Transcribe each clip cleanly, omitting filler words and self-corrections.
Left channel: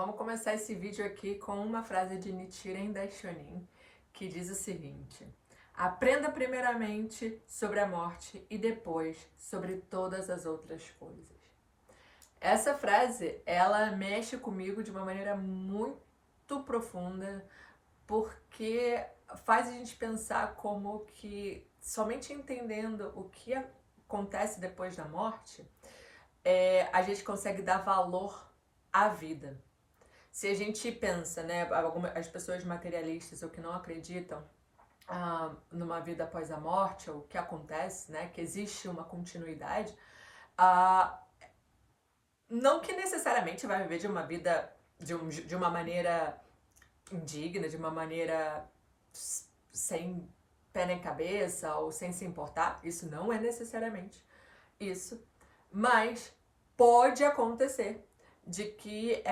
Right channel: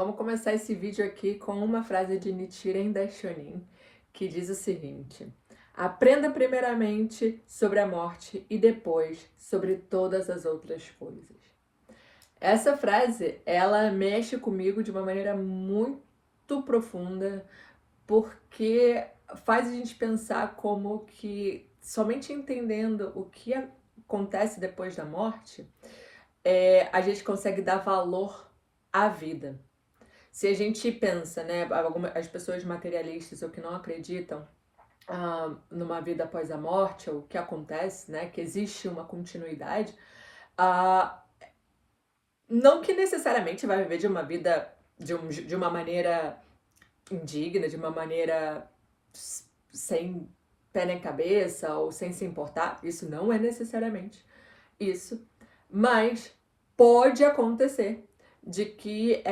Vamos começar esse vídeo aqui com uma frase de Nichiren Daishonin, que diz o seguinte: aprenda primeiramente sobre a morte e depois sobre todas as outras coisas. Essa frase, ela mexe comigo de uma maneira muito profunda, porque faz a gente pensar como que somente entendendo o que acontece depois da morte, a gente consegue dar valor à vida. Se a gente pensa, né, as pessoas materialistas ou que não acreditam numa vida após a morte, ou o que acontece, né, que existe uma continuidade, ah, não que necessariamente vai viver de uma vida de uma maneira indigna, de uma maneira sem pé nem cabeça ou sem se importar, isso não é necessariamente isso, mas pode acontecer de que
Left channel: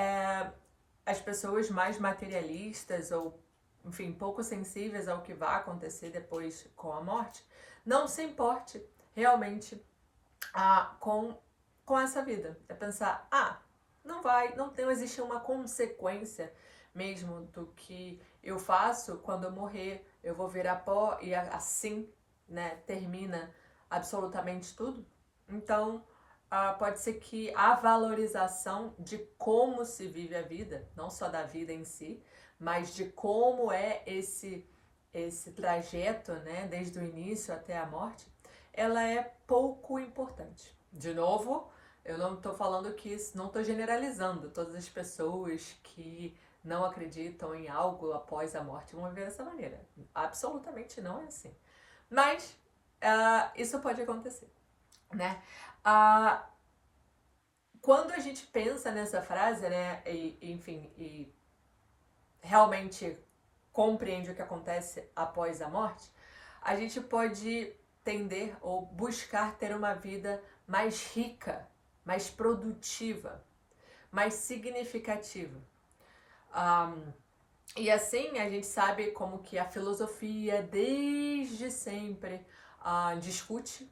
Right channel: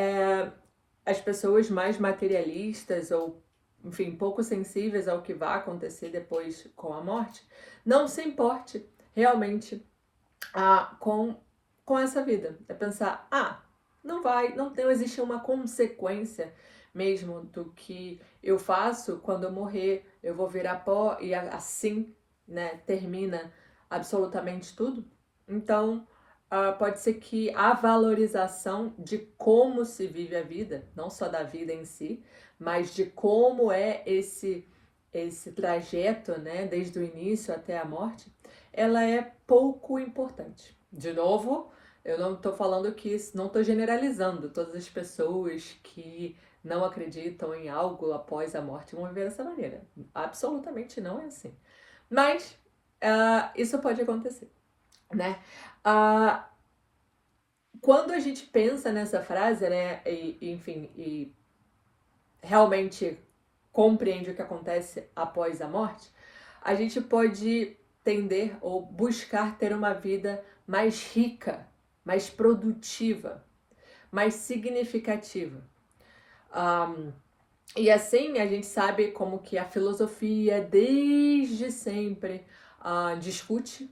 as pessoas mais materialistas ou, enfim, pouco sensíveis ao que vai acontecer depois com a morte, não se importe realmente com essa vida. É pensar, não existe uma consequência mesmo do que eu faço quando eu morrer, eu vou virar pó e assim, né, termina absolutamente tudo. Então, pode ser que a valorização de como se vive a vida, não só da vida em si, mas de como é esse trajeto, né, desde o início até a morte, ela é pouco importante. De novo, eu não estou falando que não estou generalizando todas as pessoas que não acreditam em algo após a morte vão viver dessa maneira. Absolutamente não é assim. Mas isso pode acontecer, né? Uh, Quando a gente pensa nessa frase, né, e realmente compreende o que acontece após a morte, a gente pode tender ou buscar ter uma vida mais rica, mais produtiva, mais significativa. E assim a gente sabe como que a filosofia desde sempre discute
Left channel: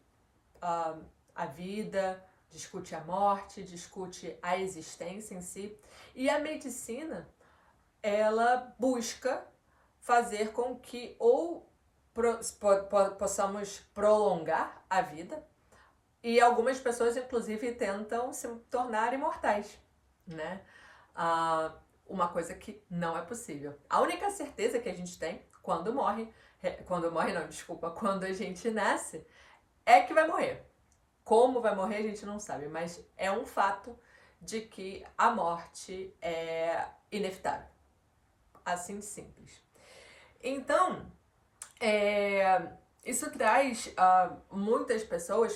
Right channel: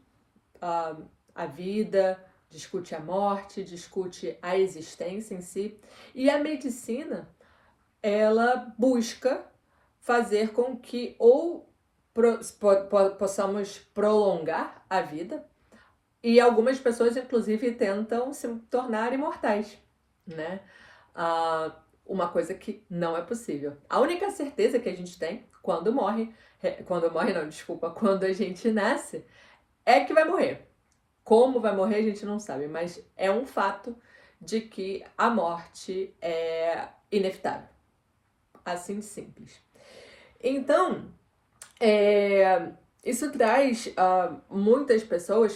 a vida, discute a morte, discute a existência em si. E a medicina, ela busca fazer com que ou possamos prolongar a vida, e algumas pessoas, inclusive, tentam se tornar imortais, né? Uma coisa que não é possível. A única certeza que a gente tem quando a gente nasce, é que vai morrer. Como vai morrer, a gente não sabe, mas é um fato de que a morte é inevitável. Assim de simples. Então, isso traz muitas pessoas,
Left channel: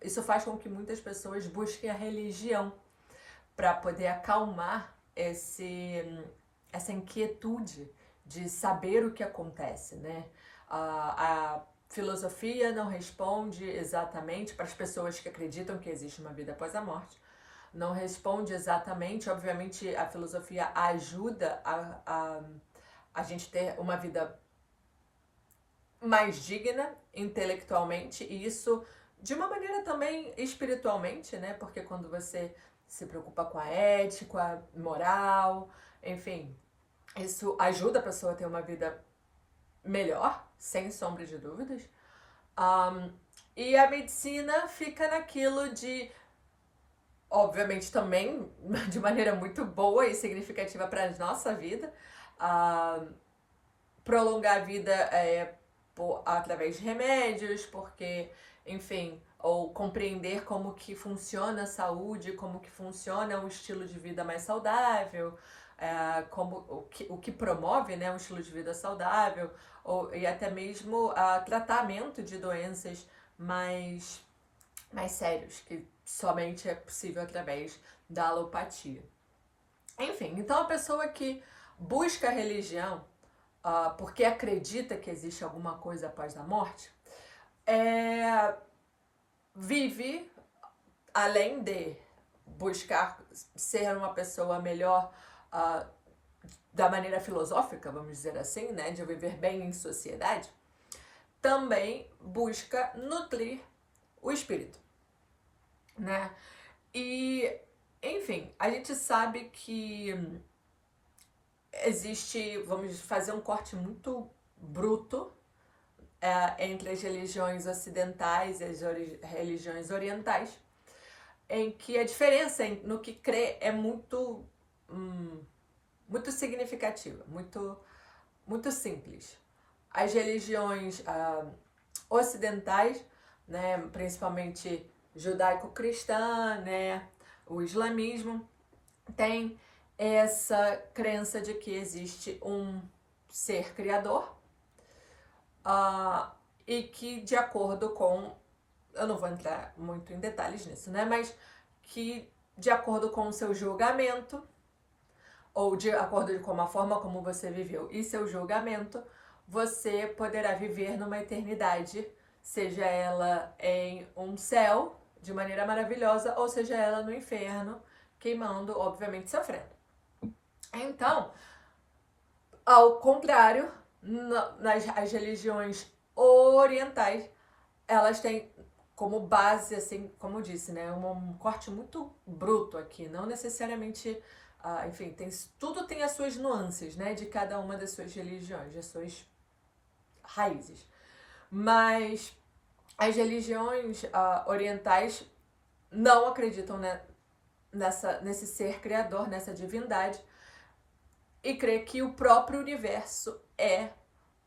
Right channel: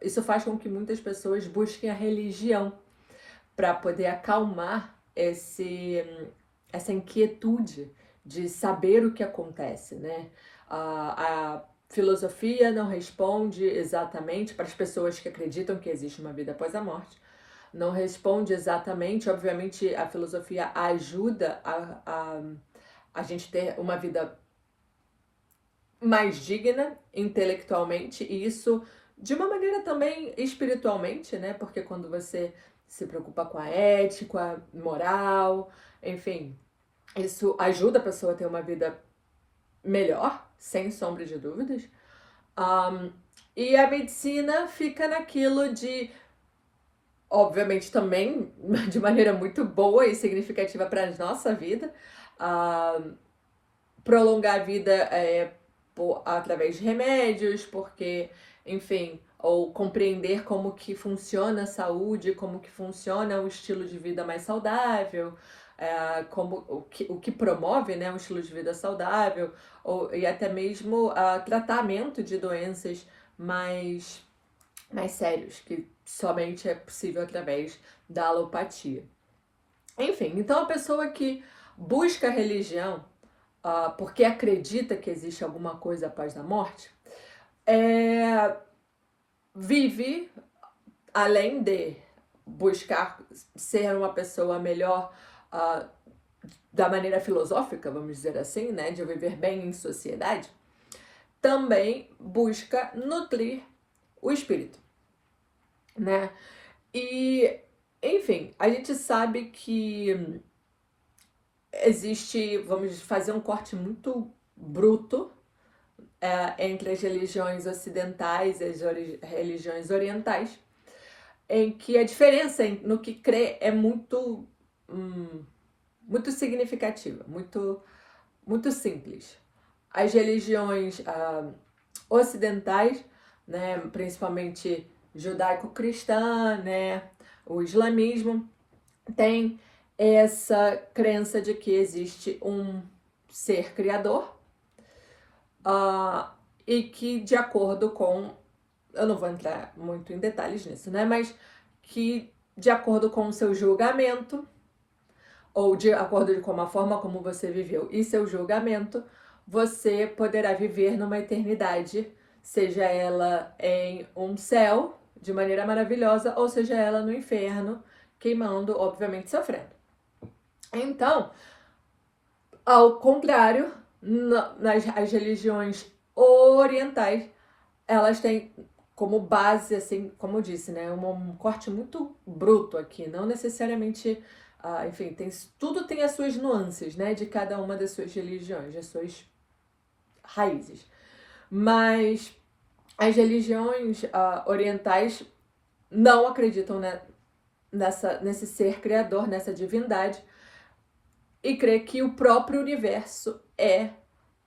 isso faz com que muitas pessoas busquem a religião para poder acalmar essa inquietude de saber o que acontece, né? A filosofia não responde exatamente para as pessoas que acreditam que existe uma vida após a morte. Não responde exatamente, obviamente a filosofia ajuda a gente ter uma vida mais digna intelectualmente, e isso de uma maneira também espiritualmente, né? Porque quando você se preocupa com a ética, moral, enfim, isso ajuda a pessoa a ter uma vida melhor, sem sombra de dúvidas. E a medicina fica naquilo de, obviamente, também de maneira muito boa e significativa para a nossa vida, prolongar a vida através de remédios, porque, enfim, ou compreender como que funciona a saúde, como que funciona o estilo de vida mais saudável, como o que promove, né, um estilo de vida saudável, e até mesmo tratamento de doenças mais sérios, que somente é possível através da alopatia. Enfim, então a pessoa que busca a religião porque acredita que existe alguma coisa após a morte, vive, além de buscar ser uma pessoa melhor da maneira filosófica, vamos dizer assim, né, de viver bem em sociedade, também busca nutrir o espírito, né? E Enfim, a gente sabe que existe, vamos fazer um corte muito bruto entre as religiões ocidentais e as religiões orientais, em que a diferença no que crê é muito significativa, muito simples. As religiões ocidentais, né, principalmente judaico-cristã, né, o islamismo, tem essa crença de que existe um ser criador e que, de acordo com, eu não vou entrar muito em detalhes nisso, né, mas que de acordo com o seu julgamento, ou de acordo com a forma como você viveu e seu julgamento, você poderá viver numa eternidade, seja ela em um céu de maneira maravilhosa, ou seja ela no inferno, queimando, obviamente sofrendo. Então, ao contrário, as religiões orientais, elas têm como base, assim, como eu disse, né, um corte muito bruto aqui, não necessariamente, enfim, tudo tem as suas nuances, né, de cada uma das suas religiões, das suas raízes. Mas as religiões orientais não acreditam, né, nesse ser criador, nessa divindade, e crê que o próprio universo é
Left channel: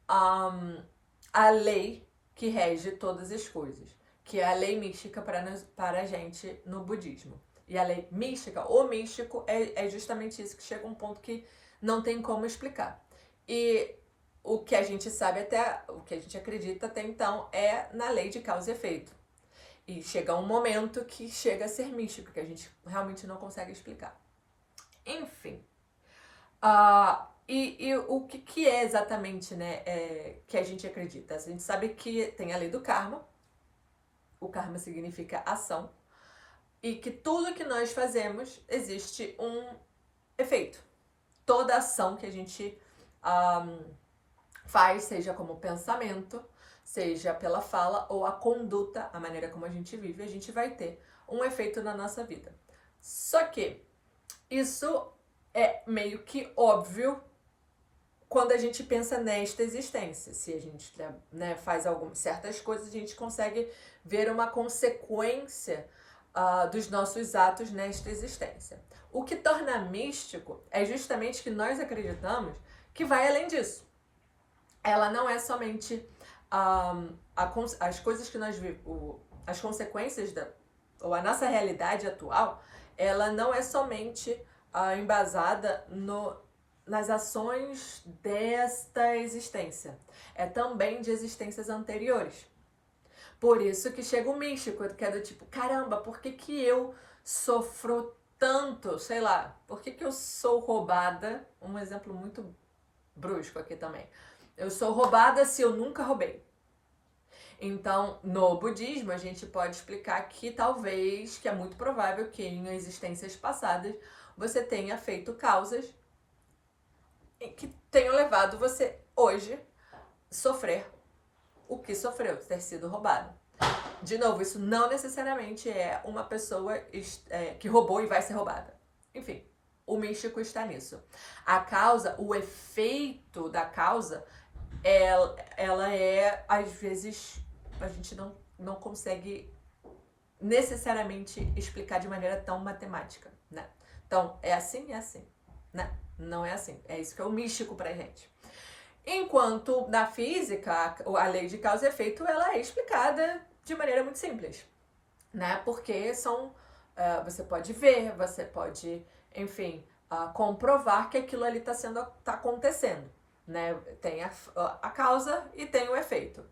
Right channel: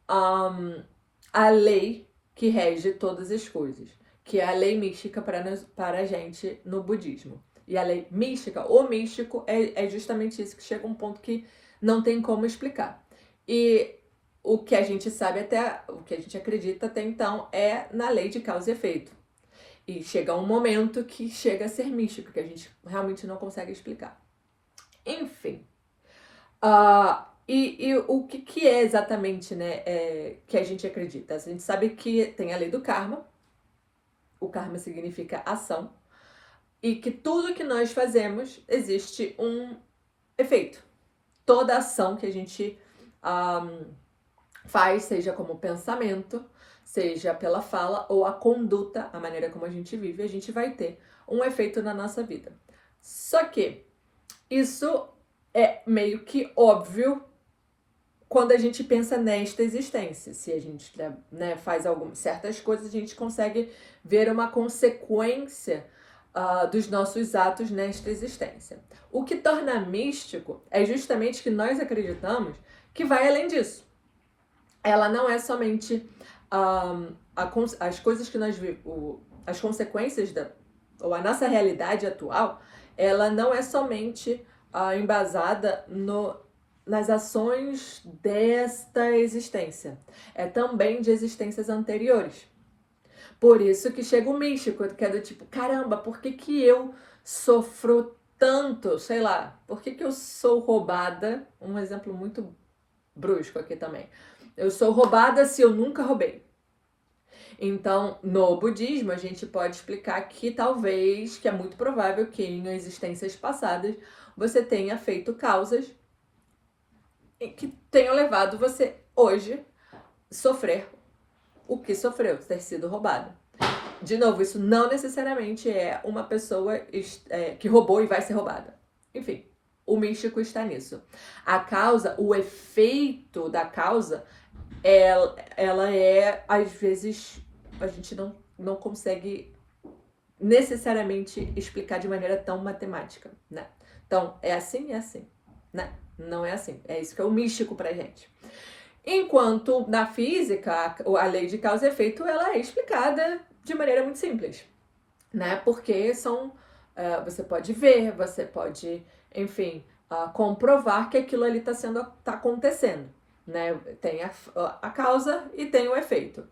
a lei que rege todas as coisas, que é a lei mística para a gente no budismo. E a lei mística, o místico, é justamente isso, que chega a um ponto que não tem como explicar. E o que a gente sabe o que a gente acredita até então é na lei de causa e efeito. E chega um momento que chega a ser místico, que a gente realmente não consegue explicar. Enfim. E o que é exatamente, né, que a gente acredita? A gente sabe que tem a lei do karma, o karma significa ação, e que tudo que nós fazemos existe um efeito. Toda ação que a gente faz, seja como pensamento, seja pela fala ou a conduta, a maneira como a gente vive, a gente vai ter um efeito na nossa vida. Só que isso é meio que óbvio quando a gente pensa nesta existência. Se a gente, né, faz certas coisas, a gente consegue ver uma consequência dos nossos atos nesta existência. O que torna místico é justamente que nós acreditamos que vai além disso. Ela não é somente as coisas que nós vivemos, as consequências ou a nossa realidade atual, ela não é somente embasada nas ações desta existência. É também de existências anteriores. Por isso que chega o místico, que é do tipo, caramba, por que eu sofro tanto? Sei lá, por que eu sou roubada? Um exemplo muito brusco aqui também. Eu sou roubada se eu nunca roubei. Então, no budismo, a gente pode explicar que talvez, que é muito provável que em existências passadas, você tenha feito causas que tenham levado você hoje sofrer o que sofreu, ter sido roubado. De novo, isso não necessariamente é uma pessoa que roubou e vai ser roubada. Enfim, o místico está nisso. A causa, o efeito da causa, ela é, às vezes, a gente não consegue necessariamente explicar de maneira tão matemática, né? Então, é assim, né? Não é assim. É isso que é o místico pra gente. Enquanto na física, a lei de causa e efeito, ela é explicada de maneira muito simples, né? Porque você pode ver, você pode, enfim, comprovar que aquilo ali tá acontecendo, né? Tem a causa e tem o efeito.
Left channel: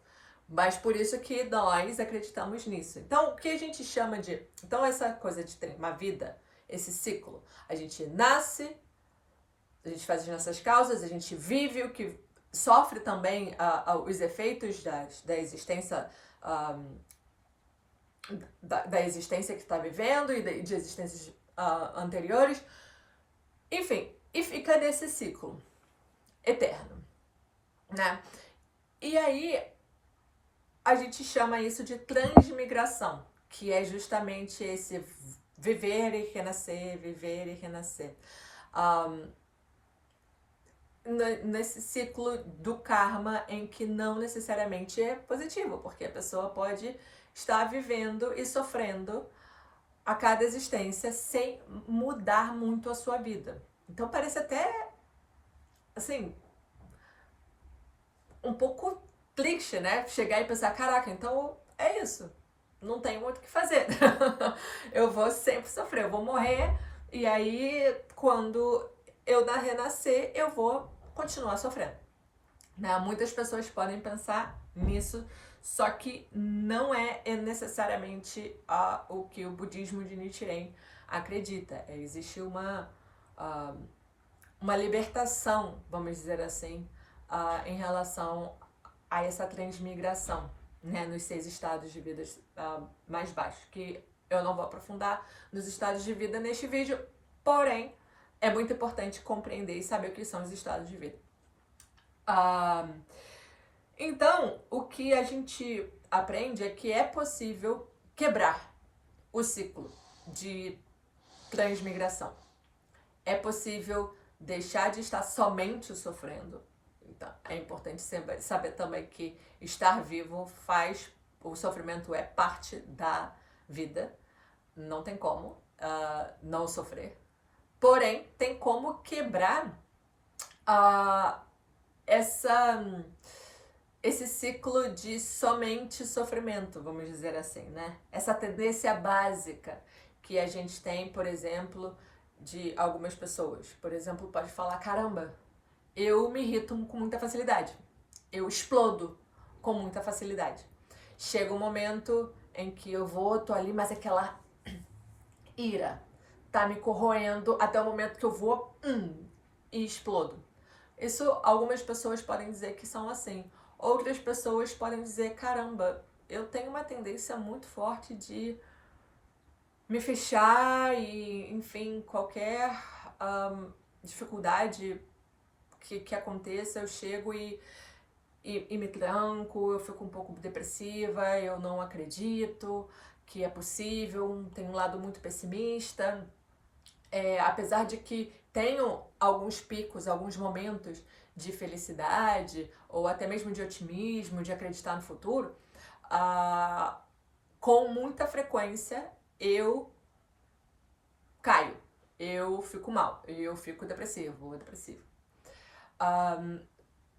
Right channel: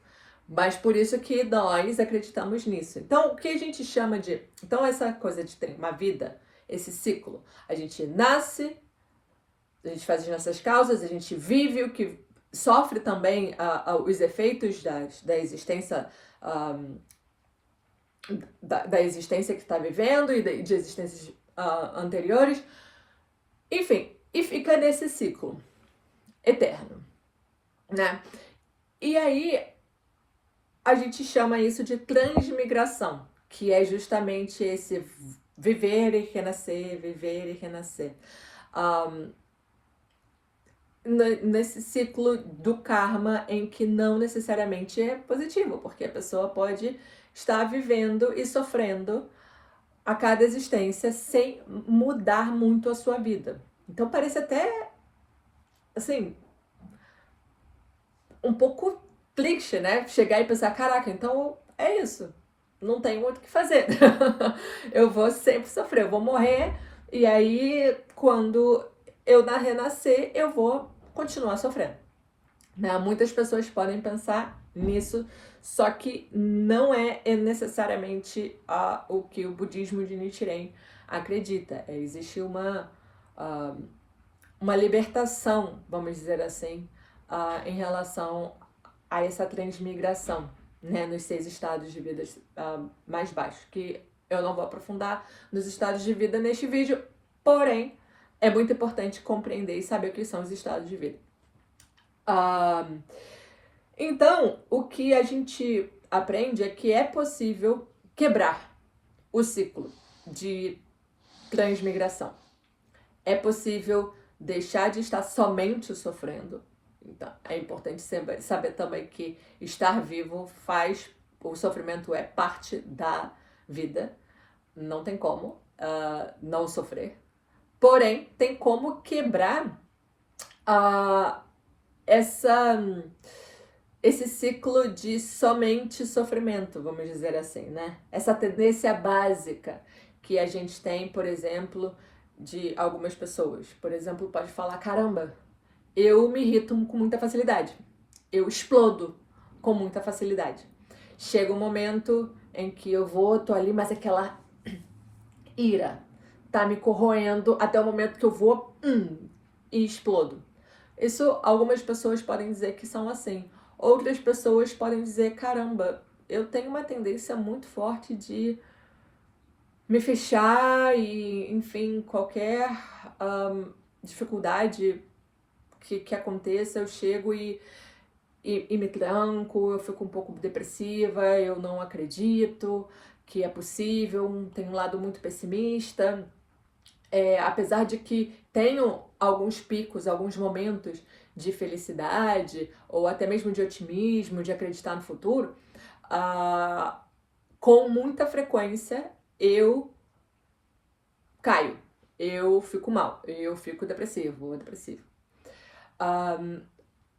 Mas por isso que nós acreditamos nisso. Então, o que a gente chama de... Então, essa coisa de ter uma vida, esse ciclo. A gente nasce, a gente faz as nossas causas, a gente vive o que sofre também os efeitos da existência... Da existência que está vivendo e de existências anteriores. Enfim, e fica nesse ciclo eterno, né? E aí a gente chama isso de transmigração, que é justamente esse viver e renascer, viver e renascer. Nesse ciclo do karma em que não necessariamente é positivo, porque a pessoa pode estar vivendo e sofrendo a cada existência sem mudar muito a sua vida. Então parece até, assim, um pouco clichê, né? Chegar e pensar, caraca, então é isso. Não tenho muito o que fazer. Eu vou sempre sofrer, eu vou morrer. E aí, quando eu renascer, eu vou continuar sofrendo. Né? Muitas pessoas podem pensar nisso, só que não é necessariamente o que o budismo de Nichiren acredita. Existe uma libertação, vamos dizer assim, em relação a essa transmigração, né, nos 6 estados de vida mais baixos, que eu não vou aprofundar nos estados de vida neste vídeo, porém, é muito importante compreender e saber o que são os estados de vida. Então, o que a gente aprende é que é possível quebrar o ciclo de transmigração. É possível deixar de estar somente sofrendo. Então, é importante saber também que estar vivo o sofrimento é parte da vida. Não tem como não sofrer. Porém, tem como quebrar esse ciclo de somente sofrimento, vamos dizer assim, né? Essa tendência básica que a gente tem, por exemplo, de algumas pessoas. Por exemplo, pode falar, caramba, eu me irrito com muita facilidade. Eu explodo com muita facilidade. Chega um momento em que tô ali, mas aquela ira tá me corroendo até o momento que eu vou e explodo. Isso, algumas pessoas podem dizer que são assim. Outras pessoas podem dizer, caramba, eu tenho uma tendência muito forte de me fechar e, enfim, qualquer dificuldade que aconteça, eu chego e me tranco, eu fico um pouco depressiva, eu não acredito que é possível, tenho um lado muito pessimista. Apesar de que tenho alguns picos, alguns momentos de felicidade, ou até mesmo de otimismo, de acreditar no futuro, com muita frequência eu caio, eu fico mal, eu fico depressivo ou depressivo.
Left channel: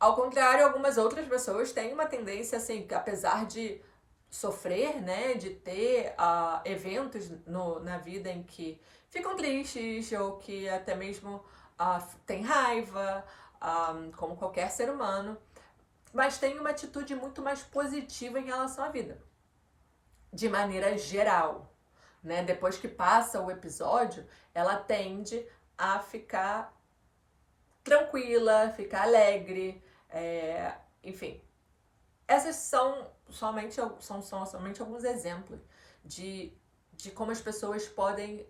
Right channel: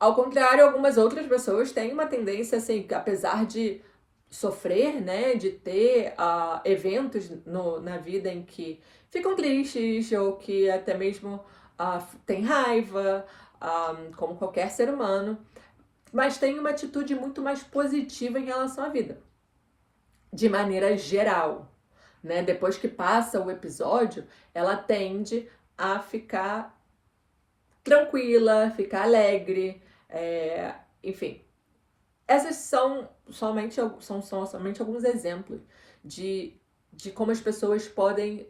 Ao contrário, algumas outras pessoas têm uma tendência, assim, que apesar de sofrer, né, de ter eventos na vida em que ficam tristes ou que até mesmo tem raiva, como qualquer ser humano, mas tem uma atitude muito mais positiva em relação à vida, de maneira geral, né? Depois que passa o episódio, ela tende a ficar tranquila, ficar alegre, enfim. Essas são somente alguns exemplos de como as pessoas podem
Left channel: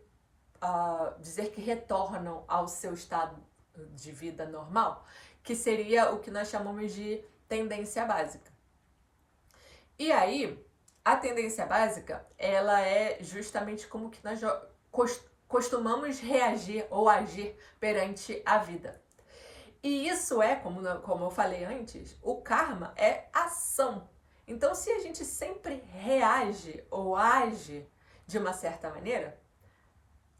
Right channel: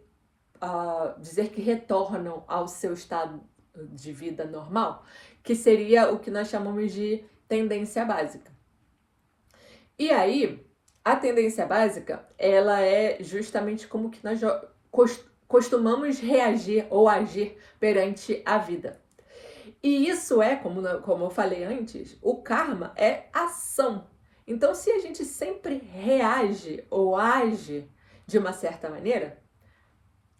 dizer que retornam ao seu estado de vida normal, que seria o que nós chamamos de tendência básica. E aí, a tendência básica, ela é justamente como que nós costumamos reagir ou agir perante a vida. E isso como eu falei antes, o karma é ação. Então, se a gente sempre reage ou age de uma certa maneira,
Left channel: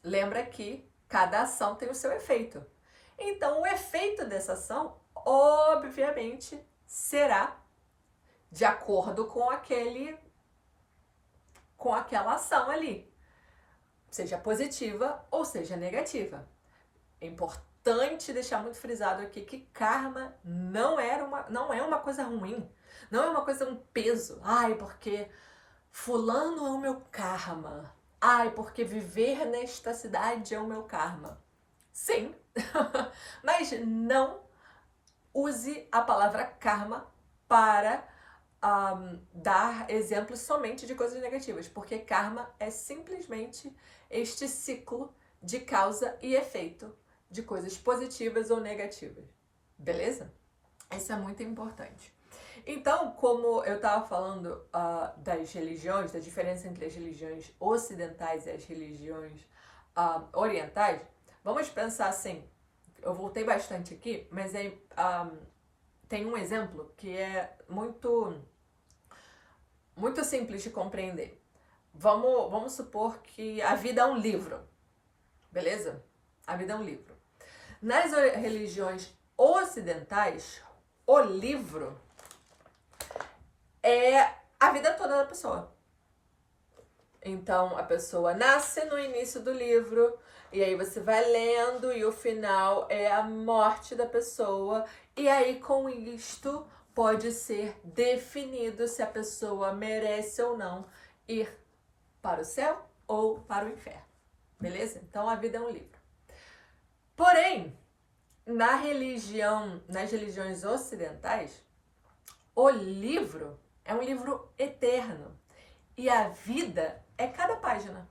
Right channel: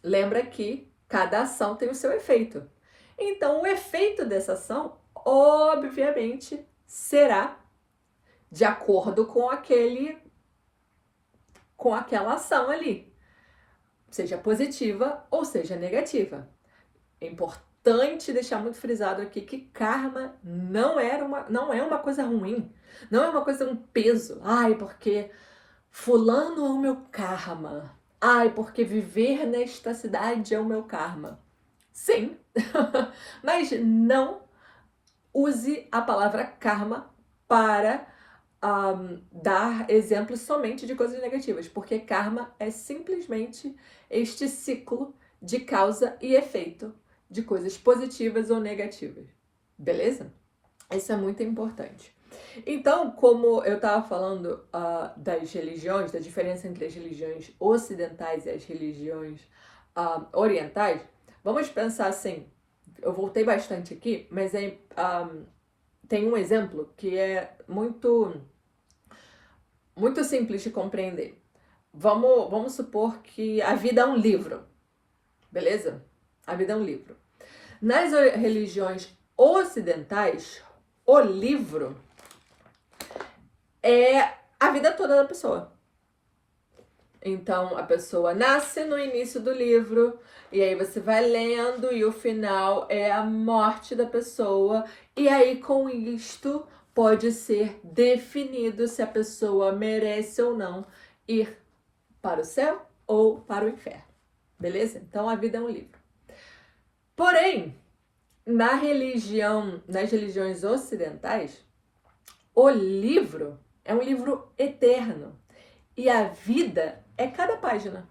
lembra que cada ação tem o seu efeito. Então, o efeito dessa ação, obviamente, será de acordo com aquela ação ali, seja positiva ou seja negativa. É importante deixar muito frisado aqui que karma não é uma coisa ruim, não é uma coisa, um peso. Ai, porque fulano é o meu karma. Ai, porque viver nesta cidade é o meu karma. Sim, mas não use a palavra karma para dar exemplos somente de coisas negativas, porque karma é simplesmente este ciclo de causa e efeito de coisas positivas ou negativas. Beleza? Isso é muito importante. Então, como eu estava falando das religiões, da diferença entre as religiões ocidentais e as religiões orientais, vamos pensar assim, eu voltei bastante aqui, mas tem um exemplo que é muito simples de compreender. Vamos supor que a vida é um livro, beleza? A vida é um livro. Nas religiões ocidentais, o livro é a vida toda da pessoa. Então, a pessoa nasce no início do livro, e aí você vai lendo, e o final é a morte da pessoa. E aí, com isto, pode ser definido se a pessoa merece ou não ir para o céu ou para o inferno. Beleza? Então, a vida é um livro. Porém, nas religiões ocidentais, o livro é um livro eterno. E a vida é cada página.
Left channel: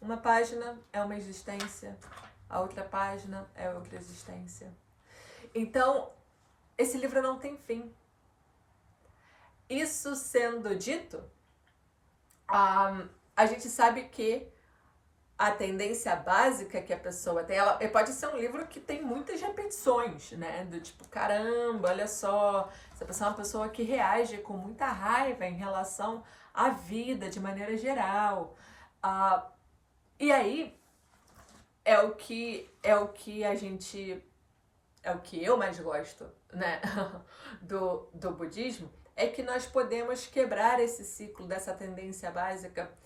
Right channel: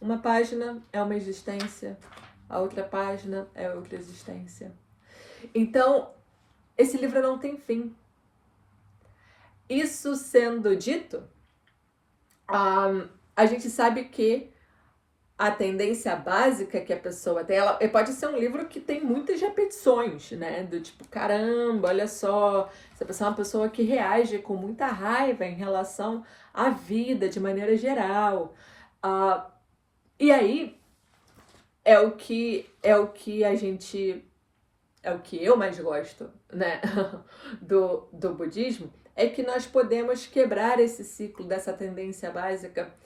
Uma página é uma existência, a outra página é outra existência. Então, esse livro não tem fim. Isso sendo dito, a gente sabe que a tendência básica que a pessoa tem, ela pode ser um livro que tem muitas repetições, né? Do tipo, caramba, olha só, essa pessoa é uma pessoa que reage com muita raiva em relação à vida de maneira geral. E aí é o que eu mais gosto, né? do budismo, é que nós podemos quebrar esse ciclo dessa tendência básica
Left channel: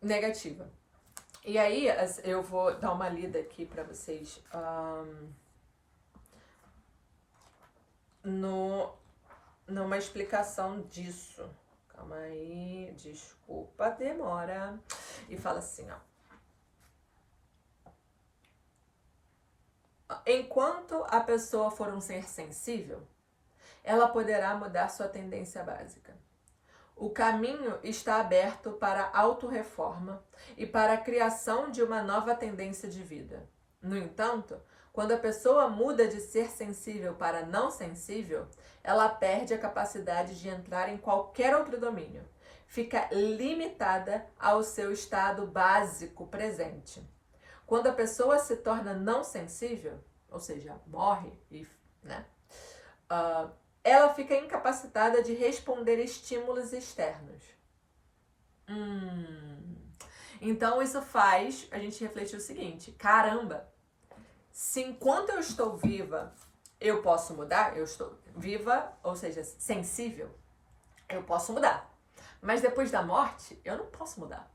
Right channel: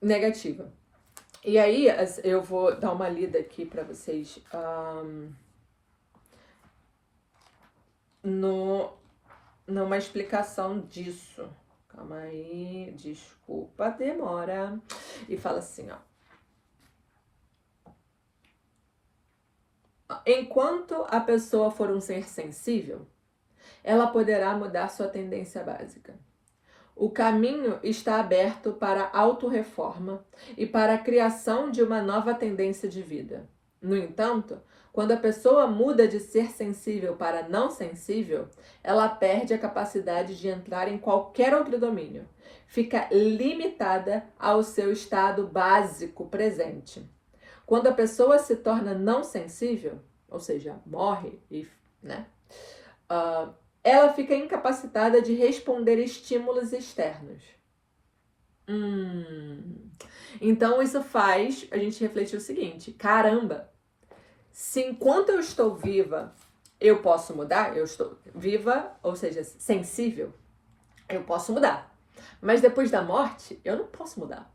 negativa. E aí, eu vou dar uma lida aqui para vocês numa explicação disso. Calma aí, desculpa a demora. E fala assim, ó. Enquanto a pessoa for um ser sensível, ela poderá mudar sua tendência básica. O caminho está aberto para a autorreforma e para a criação de uma nova tendência de vida. No entanto, quando a pessoa muda de ser sensível para não sensível, ela perde a capacidade de entrar em qualquer outro domínio. Fica limitada ao seu estado básico presente. Quando a pessoa se torna não sensível, ou seja, morre, né? Ela fica incapacitada de responder estímulos externos. Então isso faz a gente refletir o seguinte: caramba, se enquanto eu estou viva eu posso mudar, eu estou viva, ou seja, sensível, eu posso mudar. Mas depois da morte, eu não posso mudar.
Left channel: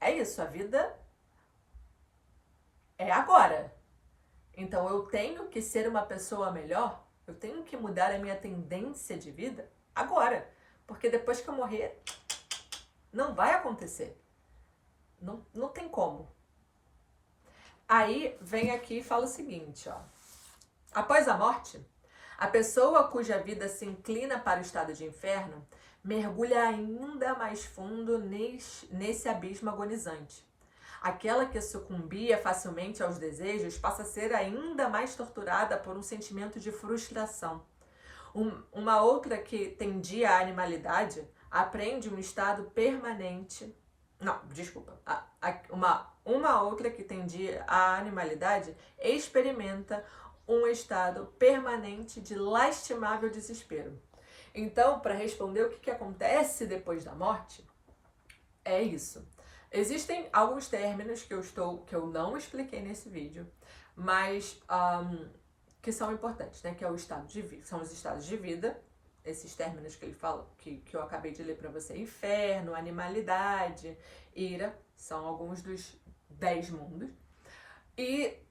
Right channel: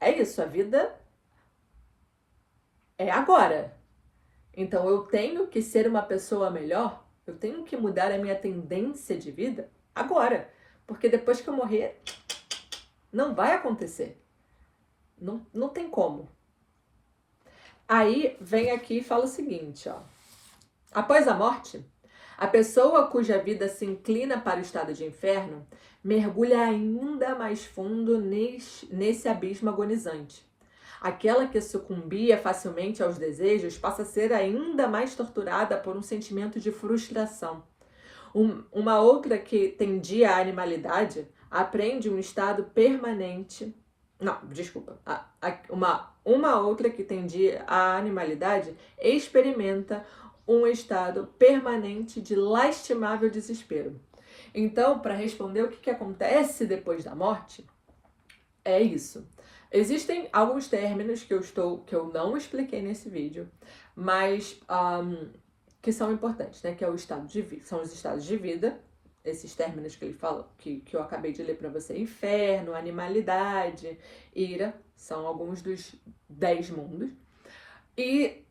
É isso, a vida é agora. Então eu tenho que ser uma pessoa melhor. Eu tenho que mudar a minha tendência de vida agora. Porque depois que eu morrer, não vai acontecer. Não tem como. Aí vem aqui e fala o seguinte, ó. Após a morte, a pessoa cuja vida se inclina para o estado de inferno mergulha ainda mais fundo nesse abismo agonizante. Aquela que sucumbia facilmente aos desejos passa a ser ainda mais torturada por um sentimento de frustração. Uma outra que tendia à animalidade aprende um estado permanente. Não, desculpa. Uma outra que tendia à animalidade experimenta um estado permanente de lastimável desespero. Então, para responder o que acontece depois da morte, é isso. Existem alguns términos que eu não expliquei nesse vídeo, mas que são importantes, né? Que é o estado de vida, são os estados de vida, esses términos que ele fala, que eu acabei de ler para você: inferno, animalidade, ira, são alguns dos 10 mundos. E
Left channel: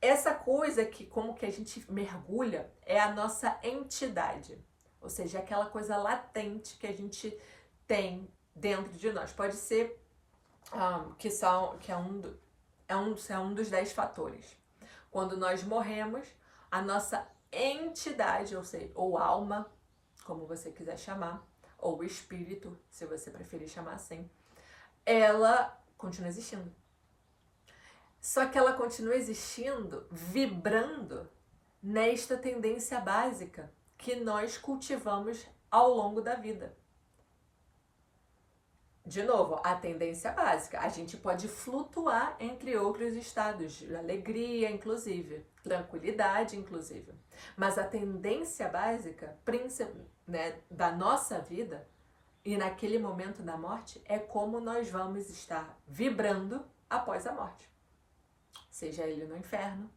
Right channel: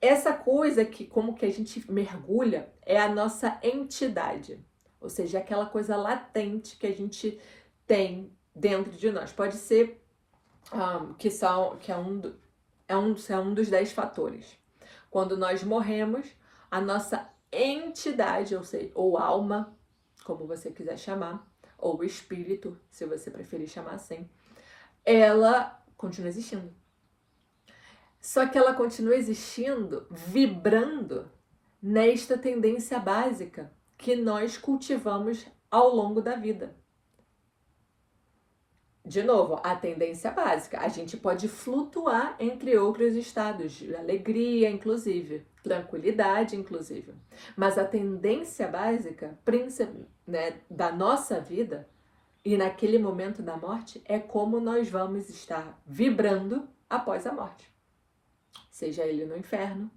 essa coisa que como que a gente mergulha é a nossa entidade, ou seja, aquela coisa latente que a gente tem dentro de nós. Pode ser que é um dos 10 fatores. Quando nós morremos, a nossa entidade, ou alma, como você quiser chamar, ou espírito, se você preferir chamar assim, ela continua existindo. Só que ela continua existindo, vibrando nesta tendência básica, que nós cultivamos ao longo da vida. De novo, a tendência básica. A gente pode flutuar entre outros estados, de alegria, inclusive, tranquilidade, inclusive. Mas a tendência básica, né, da nossa vida e naquele momento da morte é como nós vamos estar vibrando após a morte. Seja ele no inferno,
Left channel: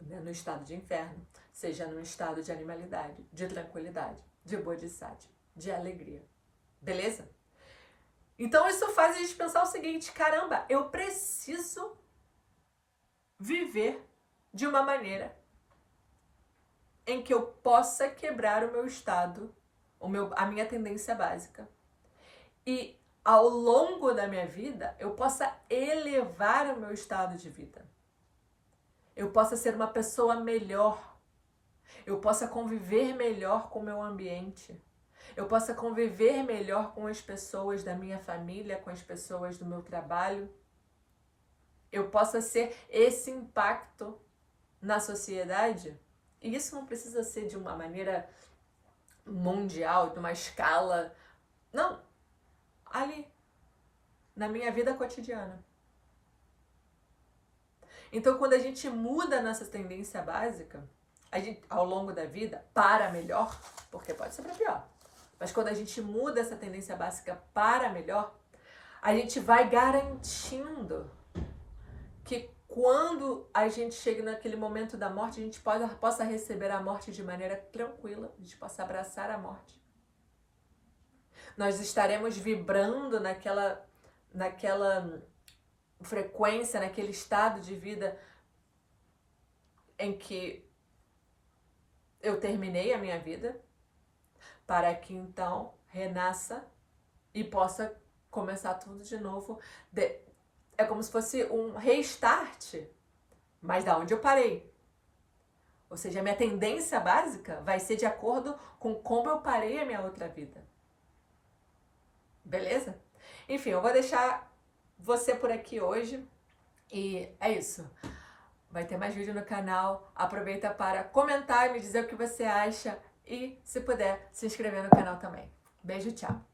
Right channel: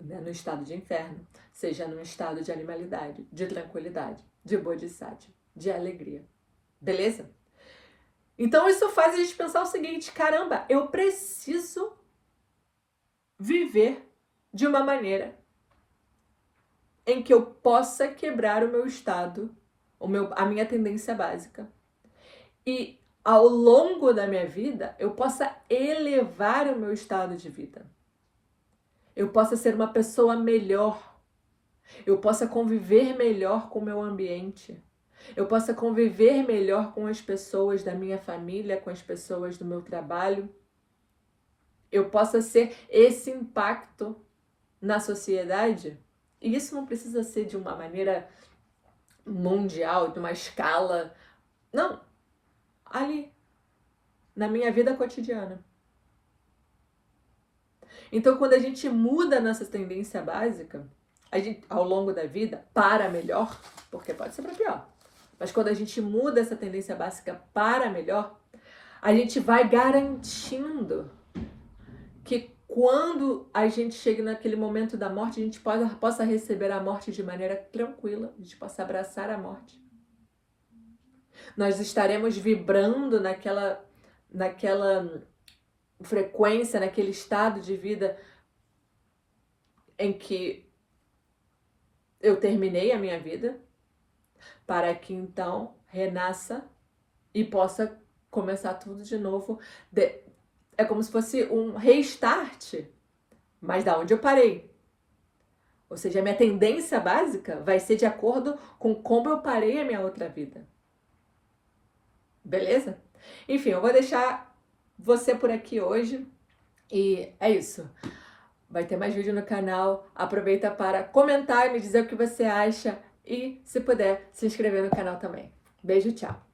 né, no estado de inferno, seja no estado de animalidade, de tranquilidade, de bodhisattva, de alegria. Beleza? Então isso faz a gente pensar o seguinte: caramba, eu preciso viver de uma maneira em que eu possa quebrar o meu estado, a minha tendência básica. E ao longo da minha vida, eu possa elevar o meu estado de vida. Eu possa ser uma pessoa melhor. Eu possa conviver melhor com o meu ambiente. Eu possa conviver melhor com as pessoas da minha família, com as pessoas do meu trabalho. Eu possa ser esse impacto na sociedade. E isso não precisa ser de uma maneira mundial, de uma escala. Não. Ali, na minha vida cotidiana. Então, quando a gente muda nossa tendência básica, a gente, ao longo da vida, para melhor, porque pode ser para pior, mas quando a gente muda essa tendência básica para melhor, a gente vai garantindo que quando a gente chega naquele momento da morte, a gente possa receber a morte de maneira tranquila, a gente possa abraçar a morte. Nós estaremos vibrando naquela frequência, naquele estado de vida em que eu terminei a minha vida, para que então renasça e possa começar tudo de novo. É como se fosse um restart, mas da onde eu parei. Ou seja, a minha tendência básica vai ser de acordo com como eu parei a minha outra vida. Beleza? Enfim, eu vou deixar você por aqui hoje e é isso. Vai ter mais vídeo no canal. Aproveita para comentar e me dizer o que você acha e, se puder, se inscrever no canal também. Beijo, tchau!